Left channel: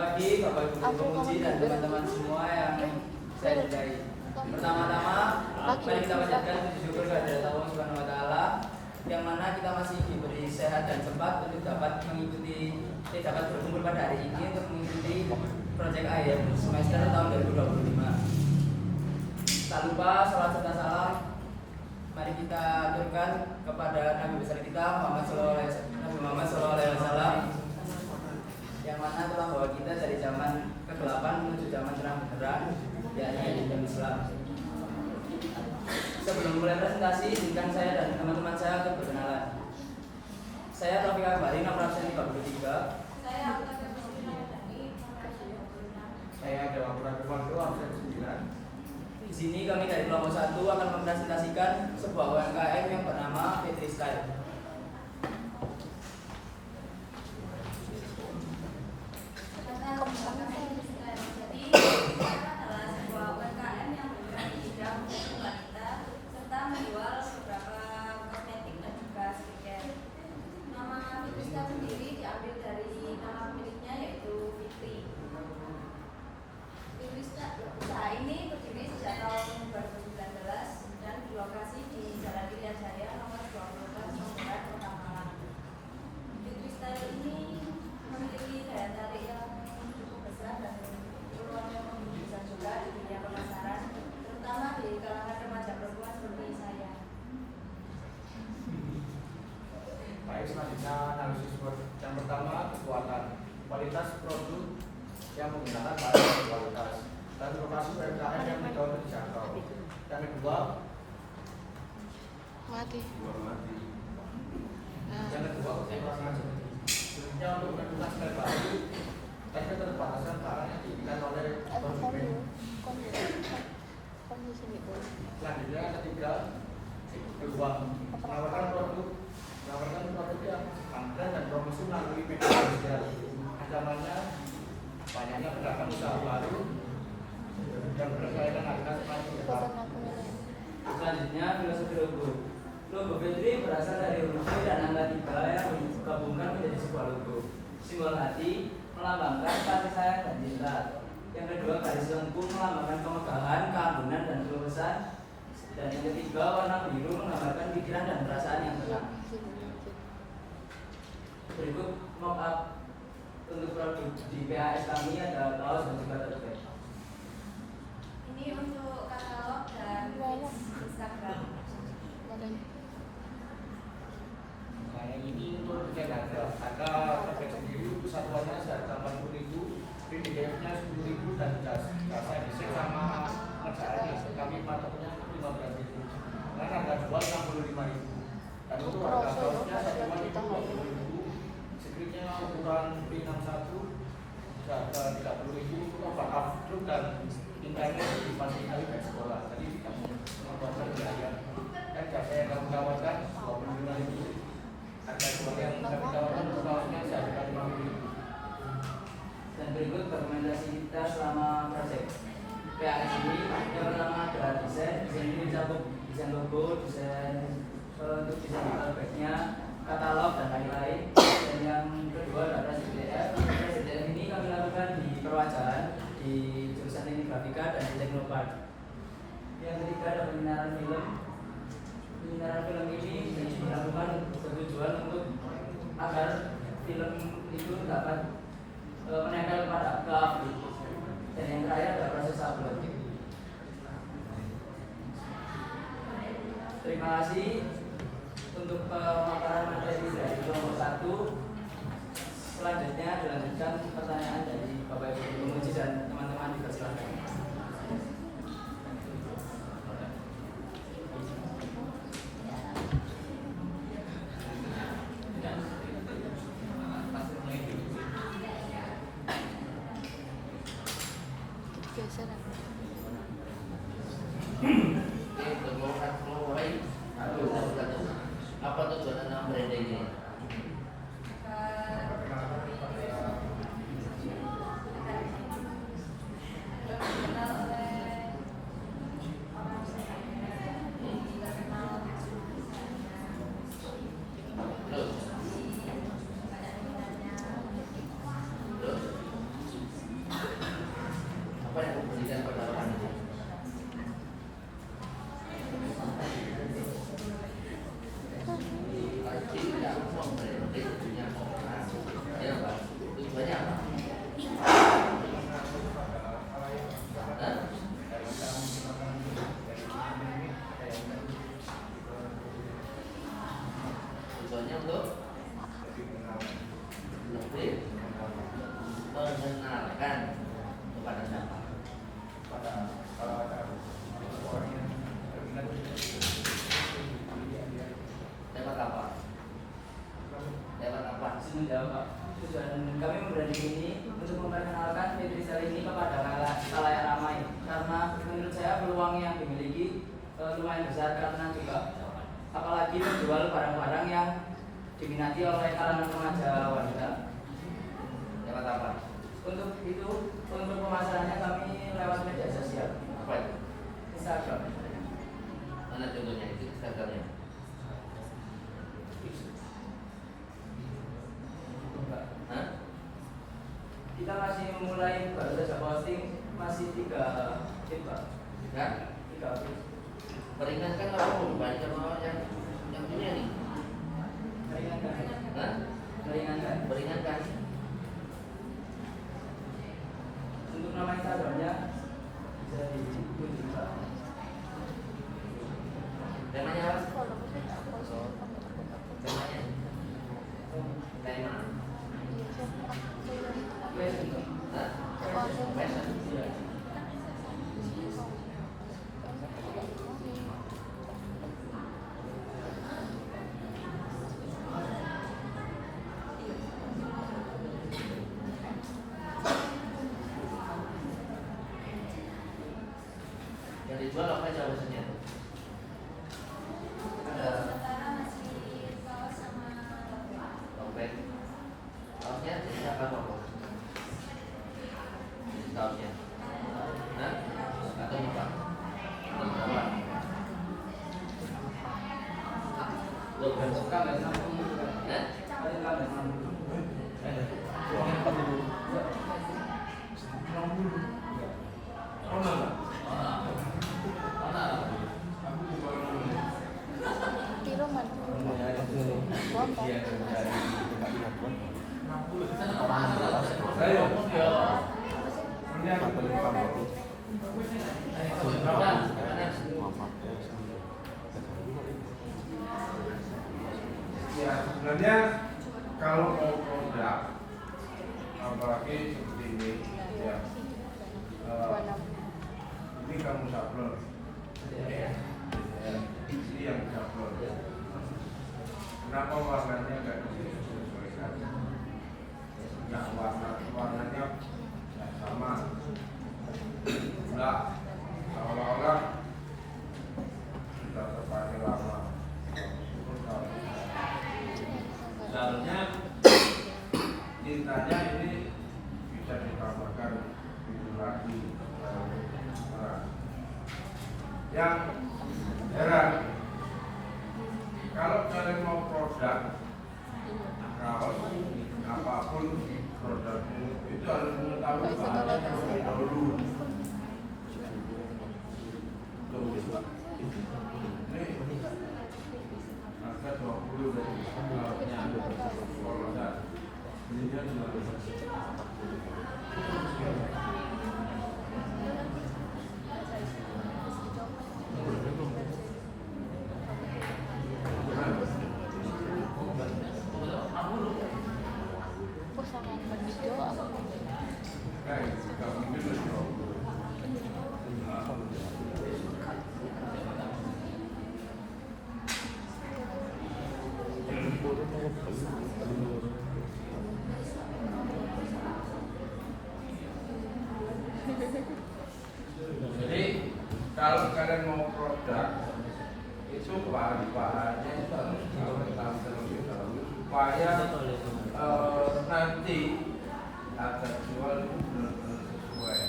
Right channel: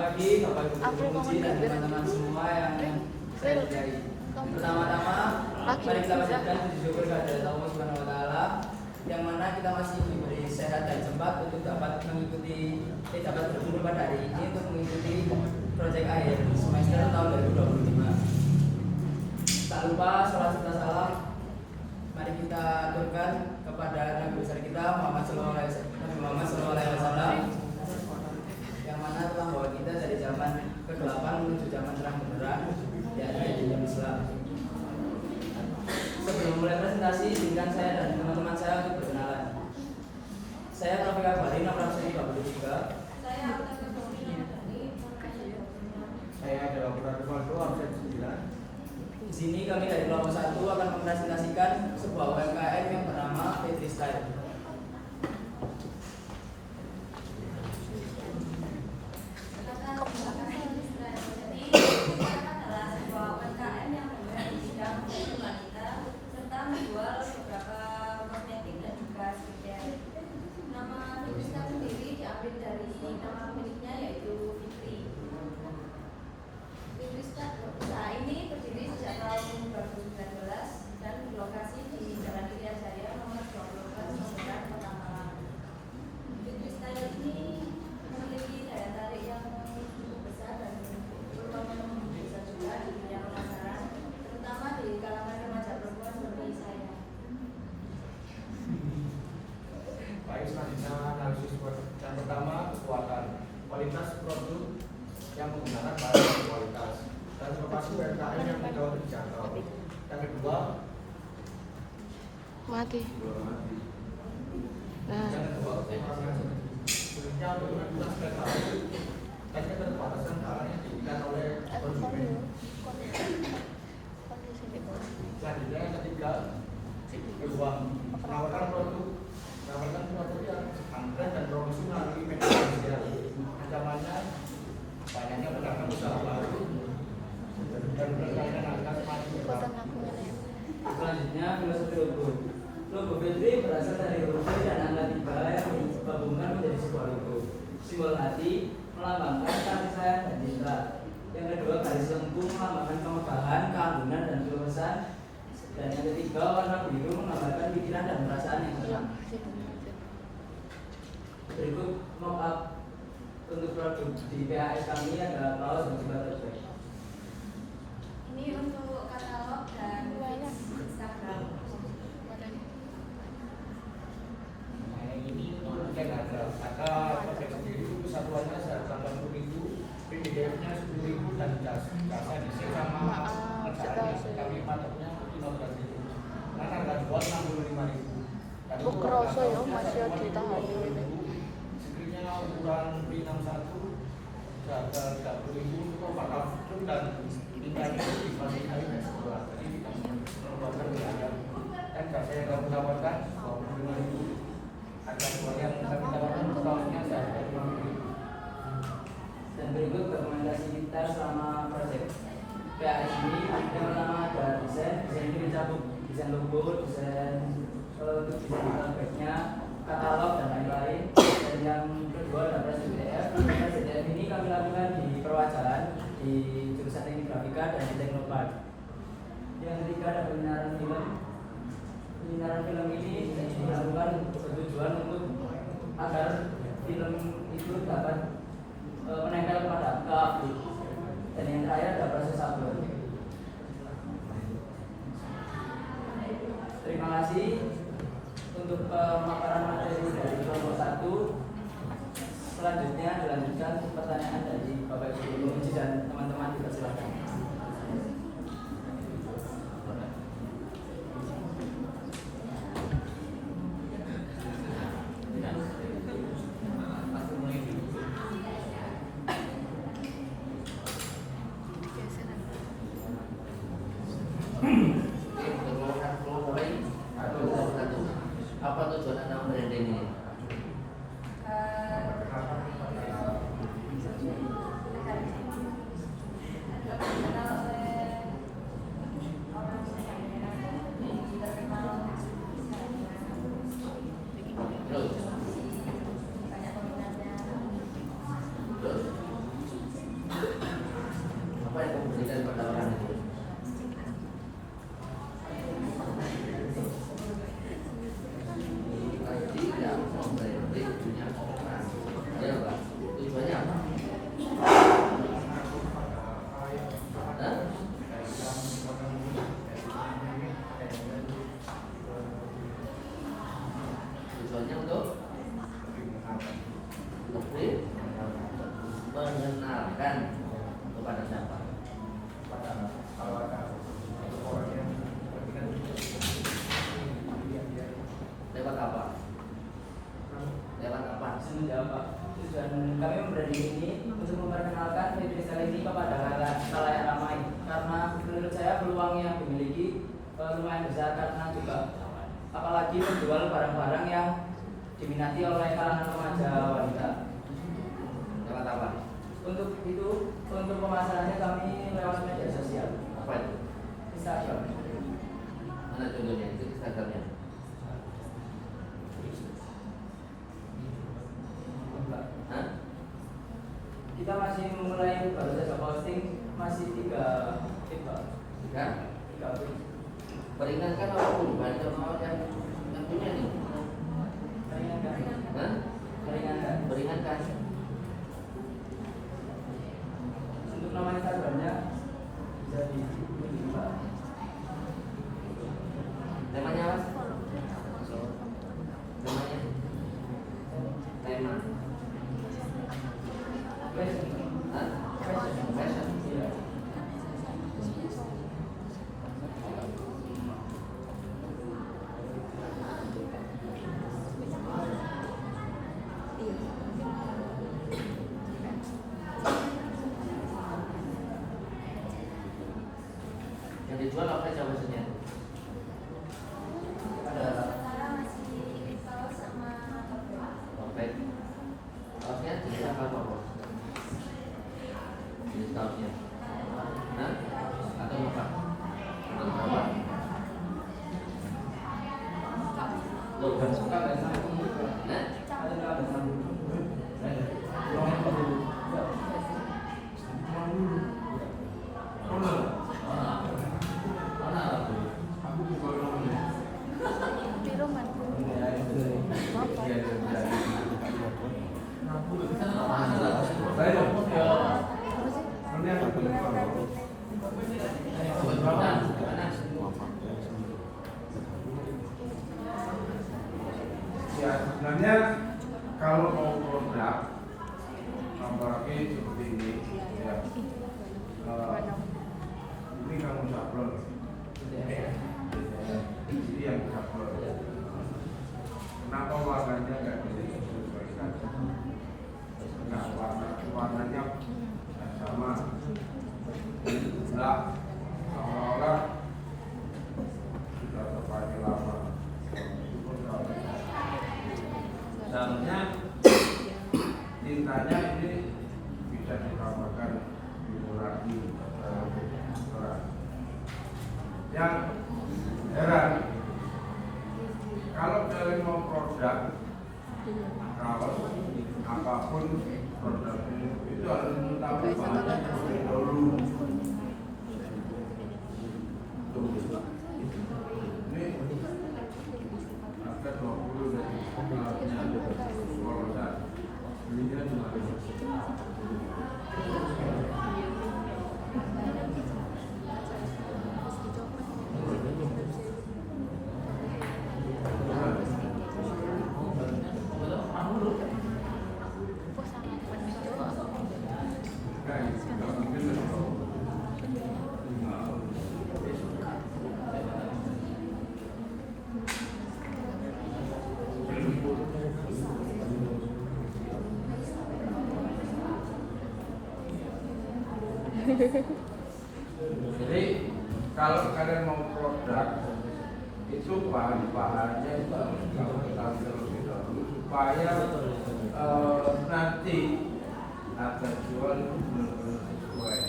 pagi Bapak Ibu Pemuji dan teman-teman semua yang saya cintai. Pertama-tama, mari kita panjatkan puji syukur kehadirat Allah Subhanahu wa taala yang mana kita masih diberi sehat dan sempat untuk dapat berkumpul pada hari ini untuk mengikuti proyek akhir semester tahun 2025. Tak lupa salat serta salam mari kita aturkan kepada Nabi besar kita Muhammad SAW yang mana telah membawa kita dari zaman kegelapan menuju zaman terang benderang, yakni Islam Islam. Sebelum mulai presentasi, izinkan saya dan teman-teman saya untuk berkenalan. Saya Rafiq Akbari, nomor absen 33. Saya Alta Keputusan Dani, nomor absen 26. Saya ada Prabowo, absen 9. Di sini kami dari kelompok 1 akan mempresentasikan sebuah UMKM yang bernama Petri Style. Selanjutnya analisis yang pertama kekuatan kualitas produk yang menggunakan bahan berkualitas dan lokasi UMKM yang mudah untuk dijangkau. Yang kedua yang kedua kekurangan sulitnya untuk menentukan spek baru dan keterbatasan barang yang diberikan oleh konsumen. Selanjutnya yang ketiga peluang menawarkan produk yang antren dan promosi melalui media sosial. Ancamannya banyaknya pedagang usaha baru dan persaingan harga semakin ketat. Selanjutnya filosofi logo. Logo Petri berasal dari huruf V dan angka 3 yang digabungkan menjadi sebuah logo. Simbol hati melambangkan kasih sayang dan cinta. Yang kedua garis lengkung melambangkan kemegahan, keanggunan dan keluasan. Dan yang ketiga warna biru menggambarkan pikiran dan perasaan yang tenang. Berikut mock-up untuk produk di PAS kami ada kaos dan juga tote bag. Ini untuk katalog dan Instagram. Nah, ini untuk desain harga. Harga paket sendiri untuk satuannya seharga 80.000, PDF-nya 10.000 dan jasa desain sama ngerjaannya kami patoknya 15.000. Dan harga jual 65.000. Dan untuk harga kaosnya satuan itu 20.000. Skripnya ukuran P61 harga 30.000 untuk overall dan intanya difasilitasi dari sekolah. Jadi tidak mengeluarkan biaya. Dan jasa yang kami tawarkan 25.000. Harga jual yang kami tawarkan untuk kaosnya seharga 5.000. Dan berikut dokumentasi kita selama proyek PAS ini. Yang pertama ada desain ini mencakup desain logo, desain untuk desain backnya, katalog dan lain-lain. Dan yang kedua adalah SDTF. SDTF ini kami lakukan di perwajahan di jurusan teknik grafika dan di Teknopark. Yang ketiga ada pemindahan film. Pemindahan film ini dilakukan bertujuan untuk agar film itu dapat menempel pada api. Dan yang terakhir ada proses upload. Terima kasih untuk pemaparan materi dari kelompok 1. Selanjutnya dilanjutkan pertanyaan dari Bapak Ibu Pemuji dan teman-teman, dipersilakan. Apa tujuan nama branding ini? menawarkan kepada siapa? pada orang yang berminat untuk Lewat apa? Lewat apa? Saya menjawab Pak. Tujuan kami membranding ini untuk memperkenalkan freestyle ini kepada khalayak ramai, karena menurut saya peluang yang dimiliki lumayan besar, karena juga apalagi menjual barang-barang yang diminati oleh kalangan remaja wanita. Lewat apa? Untuk itu, untuk pemasarannya kami lewat media sosial, Apa itu? Instagram. Mana contohnya itu Instagramnya? Hah? Kita masih memulai, baru saja posting, masih 3 feed Pak. Ya? 3 feed. Peringatkan apapun banyak orang yang punya nih. Meringankan. Hah? Meringankan. Peringatkan. Untuk nama Instagramnya bisa dikunjungi Pak. Temanya apa? Temanya? Tema? Fashion. Hah? Fashion. Fashion. Iya. Yang dijual apa aja maksudnya? Ada sementara masih kaos sama Dompet. Kaosnya jenis apa kok? Jenis kaosnya? Hah? Atau apa? Atau berapa? Loh, dan suka nggak sambung? Hah? Ada nggak sambung? Ya sebenarnya kalau mau produk apalagi seperti ini ya ini kamu sablon ini yang sablon kenapa warnanya nggak disesuaikan nggak warnanya nggak sama nggak awal-awal sudah terpakai lama. Seharusnya tintanya ini bisa ditambahkan figurasi dalam orang. Yang heran kalau kalian mau produk, kalau apapun produknya itu harus mengetahui bahannya terlebih dahulu. Tuh, ini harga 20 dari harusnya kalau enggak belinya cuma nggak mungkin loh. Jadi kalau kalian mau produk itu bahan-bahannya itu harus kamu ketahui terlebih dahulu supaya nanti harga jual itu benar-benar sesuai.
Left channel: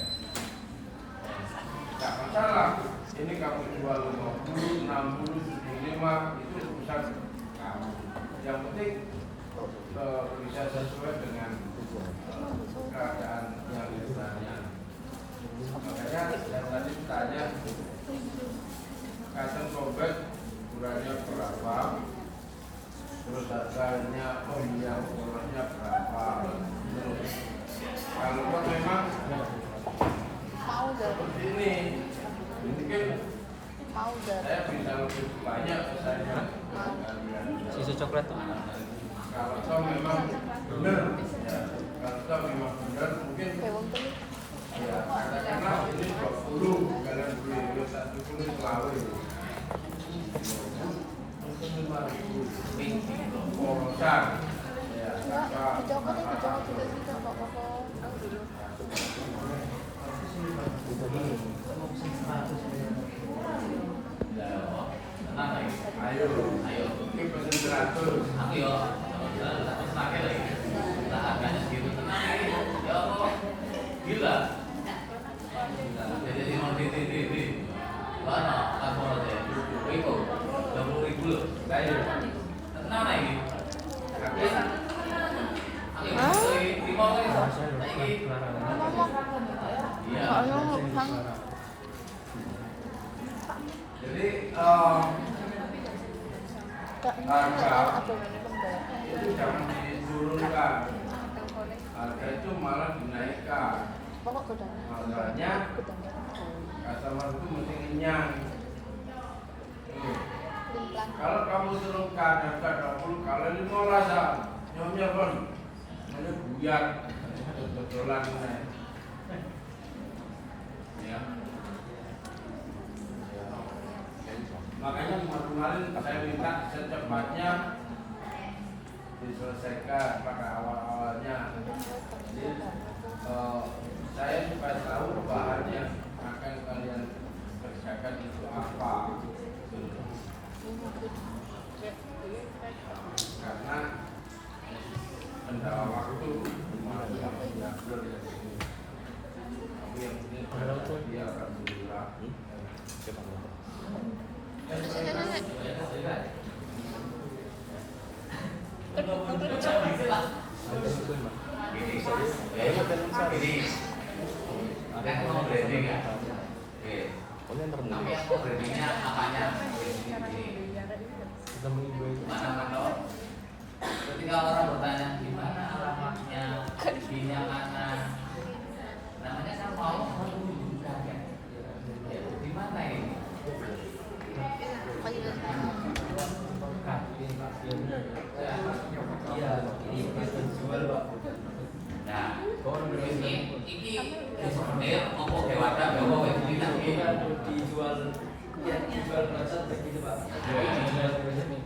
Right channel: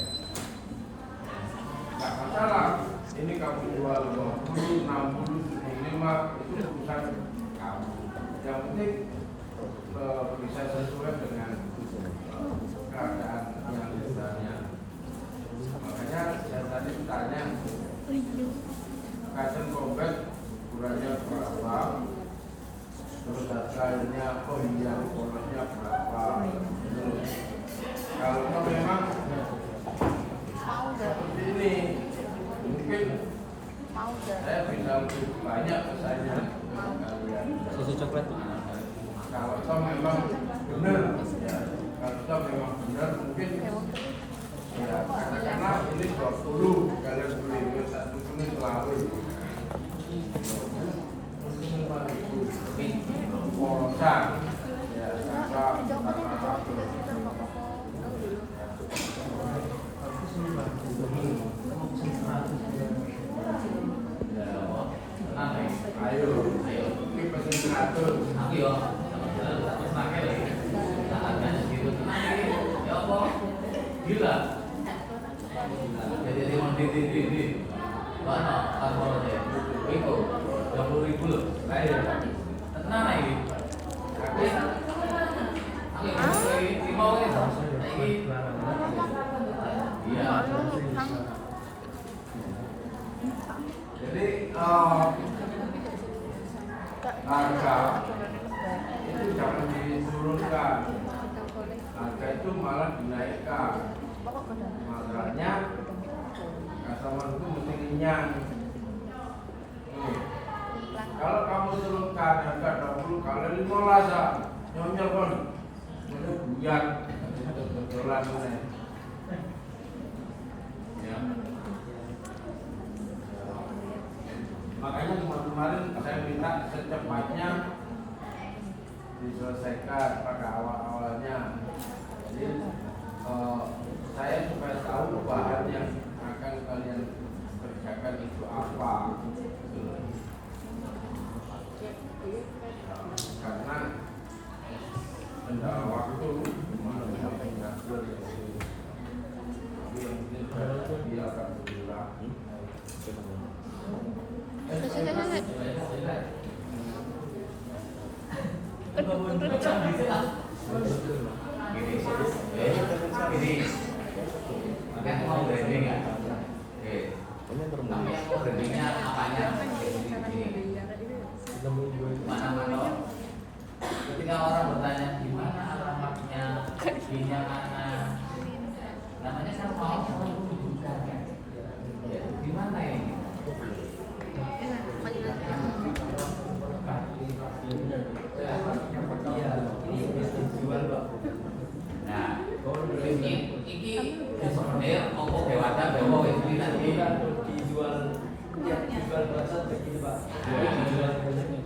Nggak masalah. Ini kamu jual 50, 60, 75 itu urusan kamu. Yang penting bisa sesuai dengan keadaan yang ditanya. Makanya saya tadi tanya kasen kompet ukurannya berapa, terus harganya yang polosnya berapa. Terus kalau memang seperti ini mungkin saya bisa lebih diatur. Aku yo jalan satu pakai lagi. Nah, harganya segitu tenang ini. Ya apa? Gila. Jadi di. Mana? Pas mau deh. Iku 20.000 loh. Kayak tenang lagi. Aku ini mau ini. Nah ini. Iya. Jadi harga itu jangan diturunkan, harga itu malah dinaikkan. Makanya customer itu mesti kenyang. Kalau kamu turunkan harga 20 kali 15 ya, nyonya pun mana buyar dodolan naik. Ya. Makanya kemarin saya minta secepatnya diselesaikan pada awal-awalnya. Jadi saya supaya tahu bahan yang akan kalian kerjakan itu apa. Karena kendala waktu yang dia akan bergerak. Ini makanya mau branding ya. Tapi aku brandingnya apanya? Mana? Ketika orang bertanya gimana alamatnya, giginya mana, namanya kan mau bukan ya? Di mana ini? Iya, ini dijual Pak. Nah, ini sebenarnya pokok dewasa bawa itu nanti Dijual, ya dijual berasal begini Pak.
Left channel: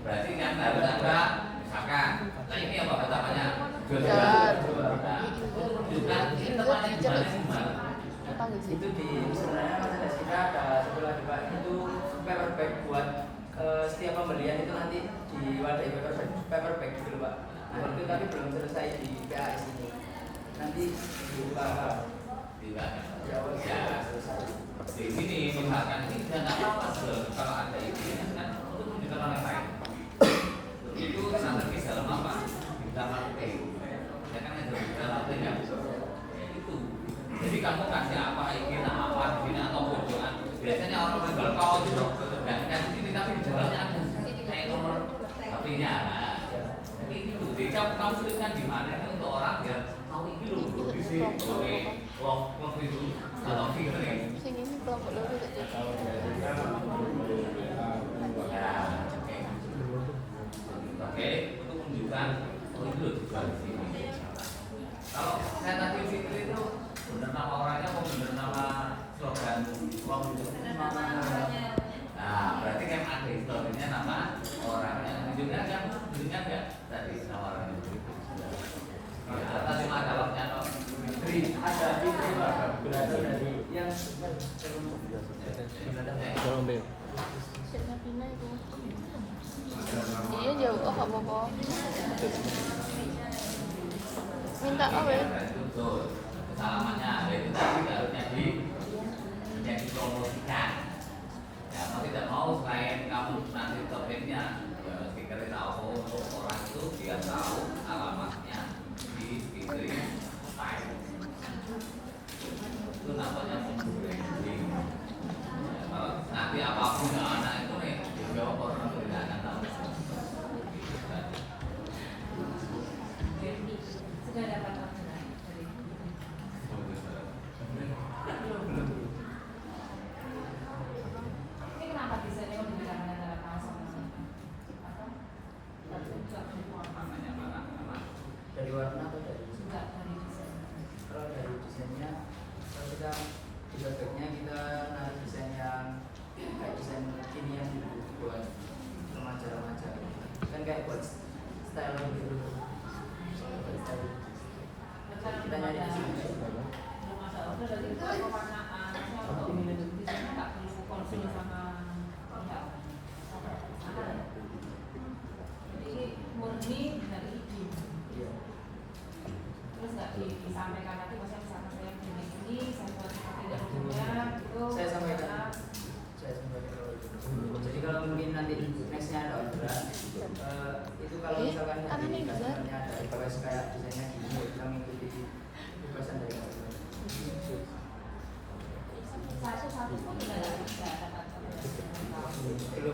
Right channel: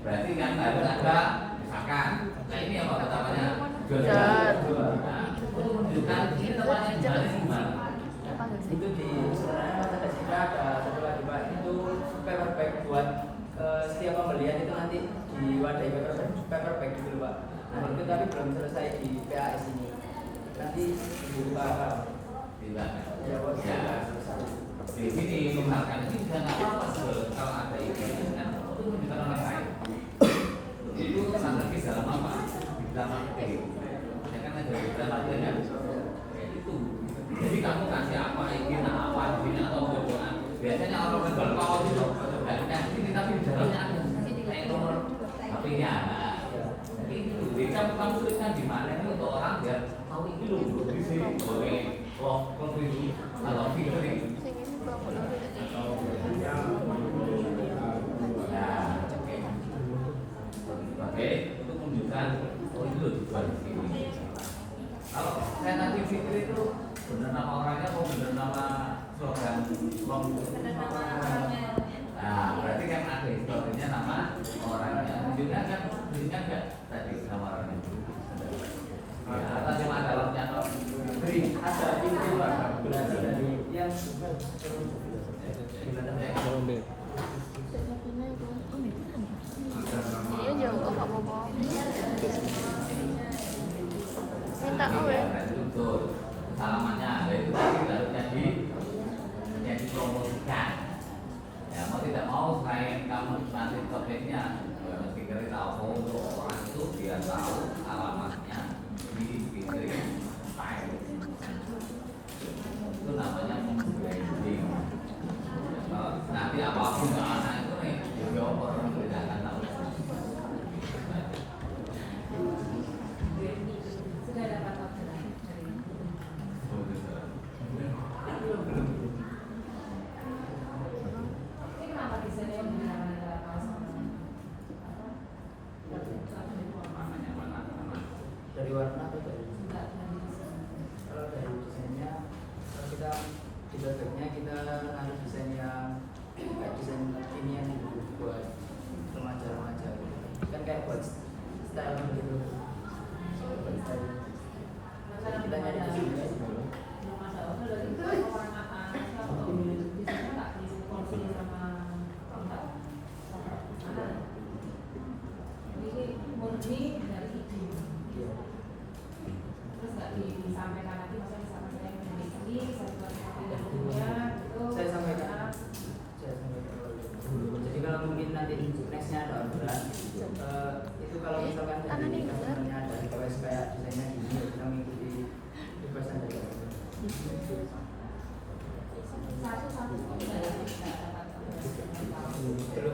berarti kan harus ada misalkan, nah ini apa namanya jual. Nah, untuk menunjukkan ini tempatnya di mana sih gimana? Itu di sebenarnya merchandise kita ada satu lagi Pak, itu paper bag buat setiap pembelian itu nanti diwadahi paper bag gitu Pak. Nah itu tapi belum selesai di PAS ini, nanti dibuka Di mana? ya Pak, sudah selesai. Di sini misalkan ini sudah nggak apa-apa jual kalau ada ini kan untuk menunjukkan orang lain. Itu strategi dalam apa? Di dalam marketing. Ya kan ada di dalam marketing ya. Itu. Jadi kamu kasih apa ini, apa ini atau bocoran. Biasanya orang menjual kaos itu dan sini tapi di dalamnya ada kayak nomor HP-nya. Jadi itu. Jadi kamu tuliskan di mana ini untuk orang biar tahu ini loh di sini boleh lock itu atau figuring. Oke, untuk menunjukkan oh itu loh dijual di sini. Kalau saya nanti pikir itu benar nama orangnya mau benar nama slogan lock itu nah berarti kan ada historinya nama orangnya tunjukkan kan nggak tadi nama orangnya atau cuma ada locknya kok Ada ini Pak, berasal dari yang betul alamatnya itu tadi harusnya yang dipromosikan ya mau tidak mau selain kamu nanti topiknya ya mesti kira tahu untuk orang itu dia tahu alamatnya di pikirin style itu namanya branding. Kalau nanti apapun nggak anak itu nih dijawab orang itu tidak akan tahu. Sudah dapat orderan dari ini kenapa desainnya membedakan antara kaos sama Namanya mana? dari warna atau dari enggak dari desain? kalau dari desainnya, kalau kita di bagnya kita naruh desain yang kayak desain kekinian gitu buat remaja-remaja gitu. Kan kayak buat style gitu. Buat style. Kita nyari di sini. Belum masalah dari pewarnaan atau desainnya nggak perlu konsul sama produk. Jadi kalau misalkan dari customernya ada request kayak desainnya gini, ya kita mengikuti requestan dari customer. Satu-satu pun juga nggak bisa dapat Belum.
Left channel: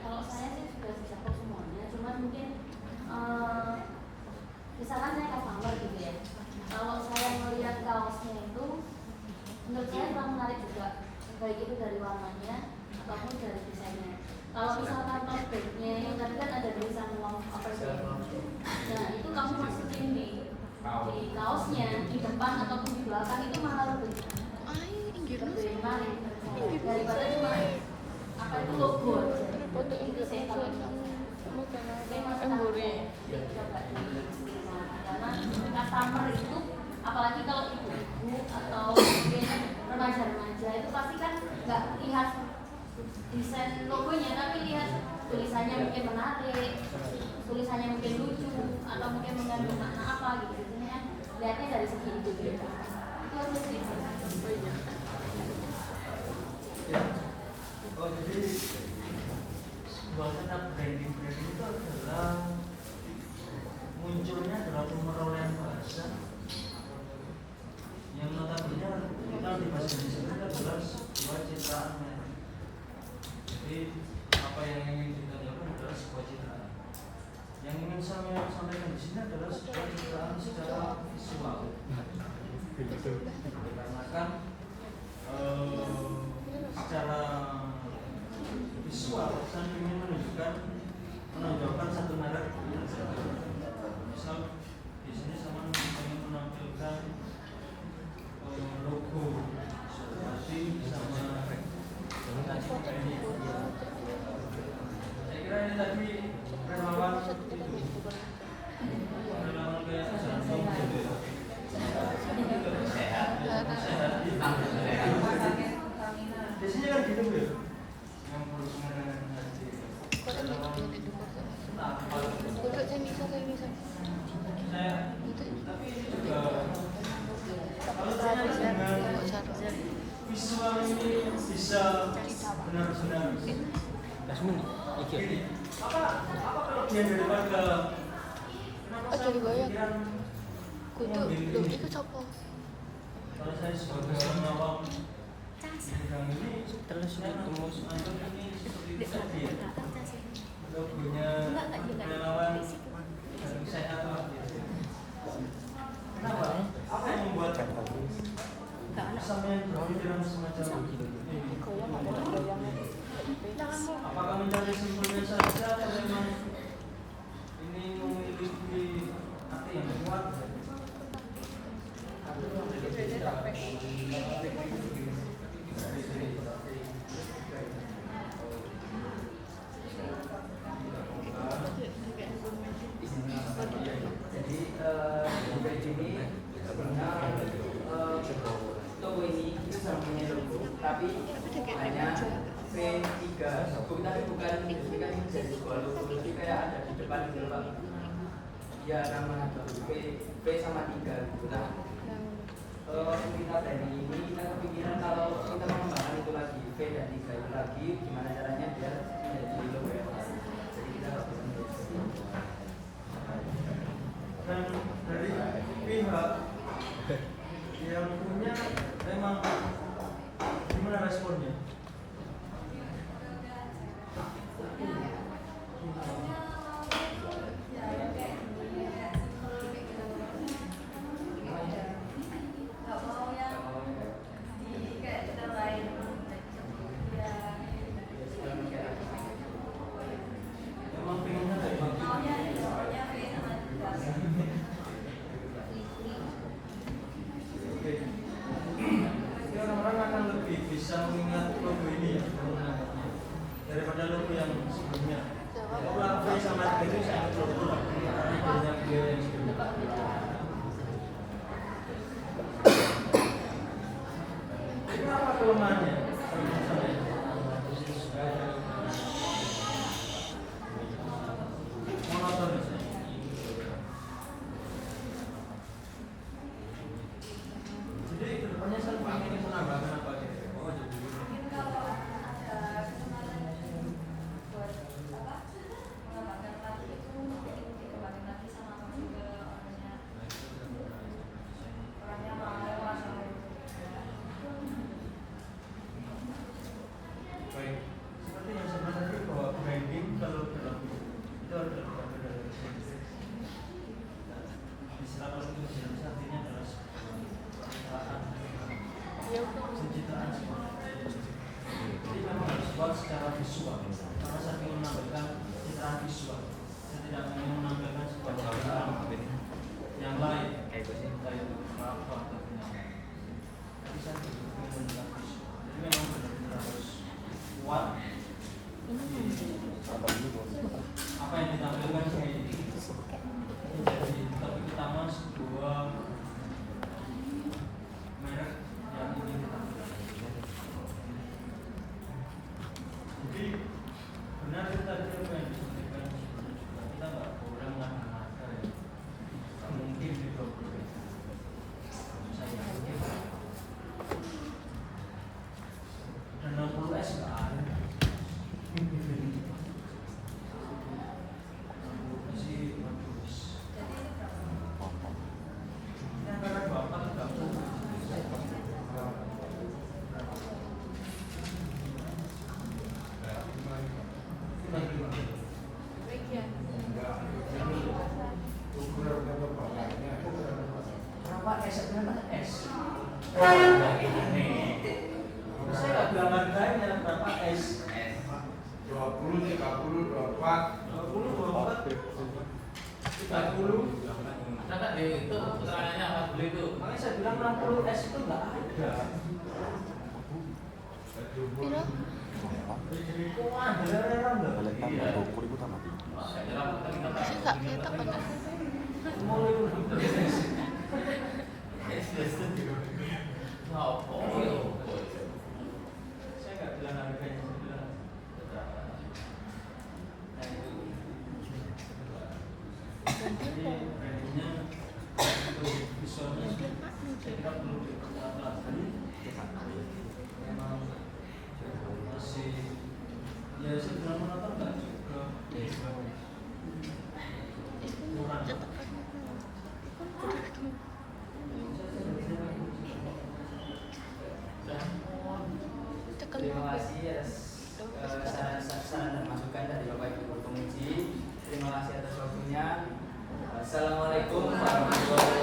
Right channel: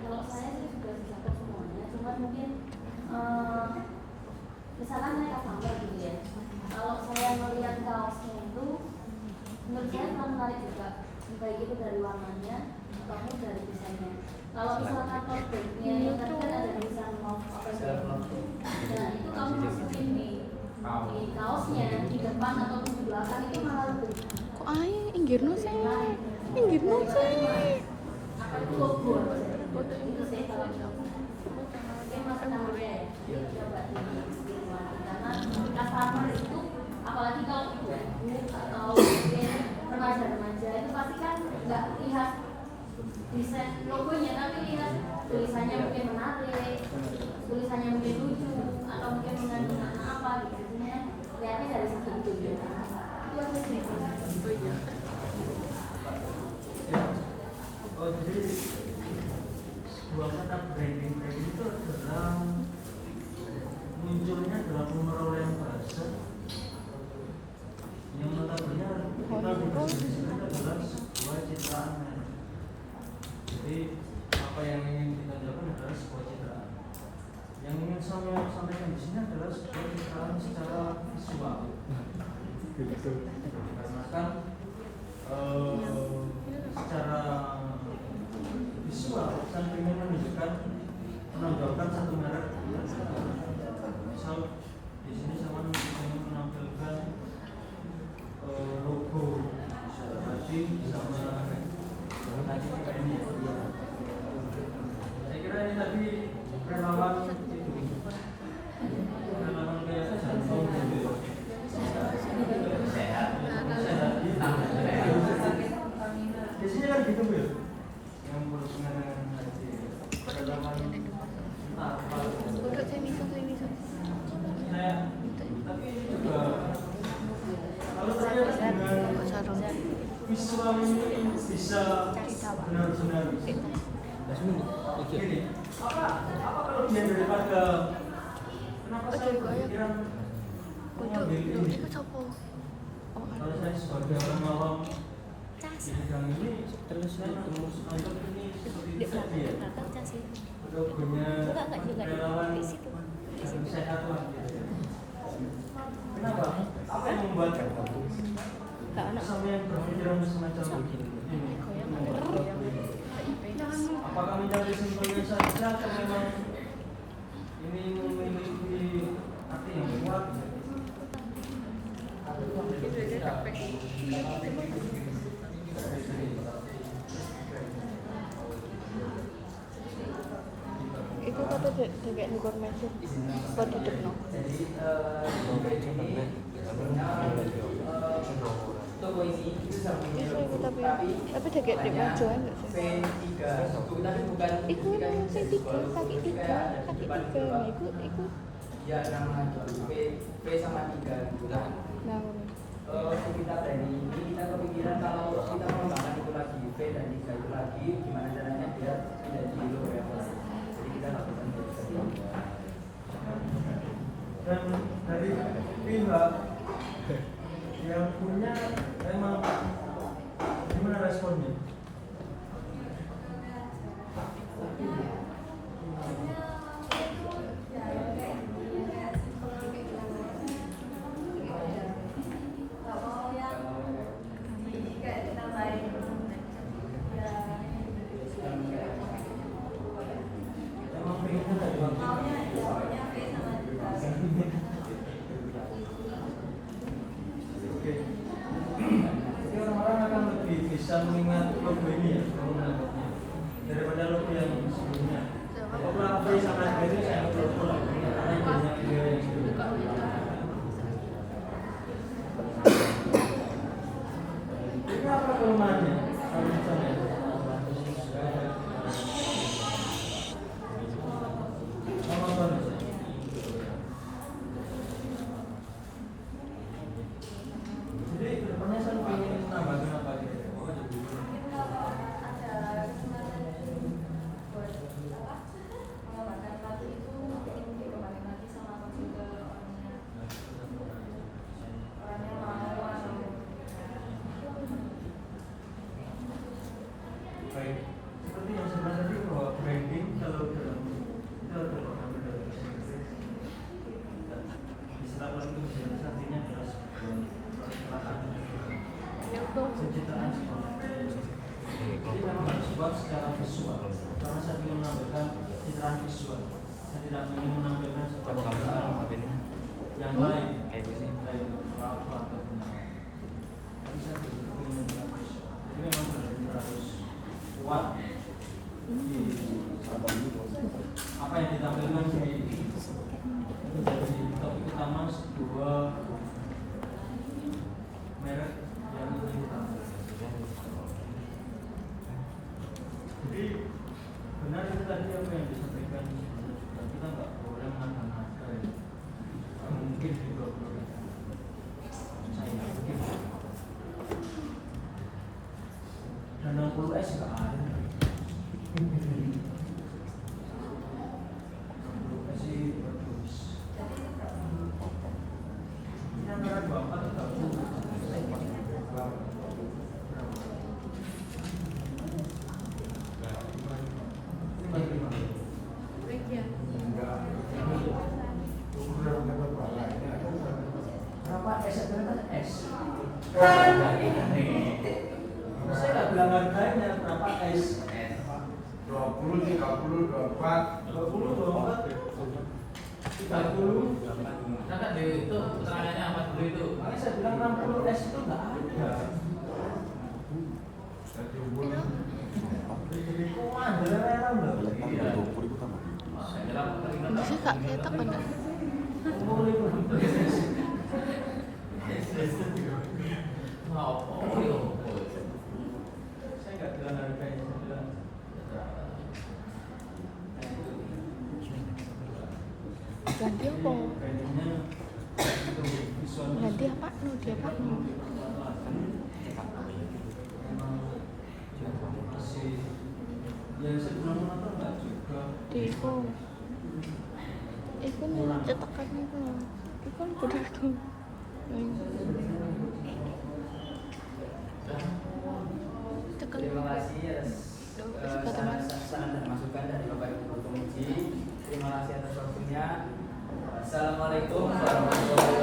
Kalau saya sih sudah dapat semuanya, cuman mungkin misalkan saya customer gitu ya. Kalau saya melihat kaosnya itu, menurut saya kurang menarik juga, baik itu dari warnanya ataupun dari desainnya. Kalau misalkan tote bagnya yang tadi kan ada tulisan love apa itu, nah itu kamu masukin di kaosnya di depan ataupun di belakang itu malah lebih menarik daripada cuma apa itu logo aja. Itu sih kalau mungkin masukan saya ya coba karena customer itu apalagi kalau ibu atau mungkin remaja-remaja itu pasti kan nggak lihat desain logonya tapi lihat tulisannya mungkin menarik, tulisannya mungkin lucu atau mungkin mengandung makna apa gitu. Biasanya kan lihatnya dari segi itu ya. Itu yang mesti. Oh jadi sebuah kata branding itu adalah munculnya adalah pemerolehan bahasa yang notabene kita di bahasa Indonesia itu adalah sebuah citraan merek. Jadi apa yang ingin kita lakukan adalah sebuah citraan. Yang ingin saya sampaikan di sini adalah sebuah citraan secara visual. Dikarenakan secara visual saya ingin menunjukkan menonjolkan satu merek. Misal di sini saya ingin menampilkan logo tadi sama tadi kayak ini ya. Saya kira ini tadi relawan itu relawan kayak jantung gitu. Sehat biasanya kan gitu ya, yang berusaha dengan hati relawan apa saya, tapi ini juga kalau ternyata dengan visual ini bisa benar-benar gini, apa kelebihan daripada kenapa saya berpikiran mengambil ini? Kalau saya sebagai orang awam di bidang ini, saya anggap ini seperti itu tadi ya, logonya relawan dan sehat lah gitu. Kenapa? Apa yang membuat sampai berpikiran semacam ini? Apakah mencari simpelnya saja atau memang ini memiliki arti yang kuat? Jadi band ini sebelumnya toko ini itu sama punya logo, tapi hanya V3 tapi bukan kan jadi sebuah logo, jadi kayak ada di depan gitu Pak. Ya nama V sama 3 gitu lah. Kita dari ini kita kepikiran kalau kita mengembangkan itu lagi V dan 3 itu lagi, gimana caranya biar menjadi logo yang baru. Jadi kita lakukan seperti itu. Dan dari pihak yang punya memang gimana responnya? Emang pengennya dari Oke. Ini orang-orang akan lebih bisa mengingat logo ini ya, kalau menangkapnya daripada logo yang sebelumnya. Kalau logo sama itu saya logo lagi, karena banyak ide yang sebelumnya. Ini apa kelemahannya? Monoton. Jadi kedepannya saya ingin menambahkan apa gitu? artinya adalah sebuah pencitraan sekolah. Jadi memang harus buat secara visual. Karena saya ingin menampilkan pencitraan visual. Saya tidak ingin menampilkan sebuah citraan yang lain, dari apa atau gimana. Tapi saya ingin menunjukkan visual. Jadi memang benar-benar harus kuat di apa yang ditampilkan ini. Jadi topik utama sebuah merek yang ingin ditampilkan. Jadi benar itu tadi apa yang disampaikan sebelumnya juga, kita nggak boleh mengada-ngada ya. Mungkin di 20.000 saya yakin dan 60S nggak ada. 60S sih bagus. Jadi itu berapa? Ini antara 24 dan 30. Berapa S? Berapa S? Saya nggak bilang harganya berapa S. 20, 30, 24. 20, 24, 30. Kakak di itu keterangannya apa dulu itu? Makanya saya bilang 60 S itu nggak ada. Jadi komando rela loh. Iya. Wah, saya nyerap tadi kata. Masih gak ketok kan? Umur itu. Wow, oh iya. Saya nggak bilang harganya, saya bilang jadi brandingnya untuk visualnya saya kira perlu diperkuat lagi. Memang masih ya sebelum menonton nggak juga kurang. Terima kasih atas saran dan masukan dari Bapak Ibu Guru Penguji. Terima kasih atas waktunya. Assalamualaikum warahmatullahi wabarakatuh.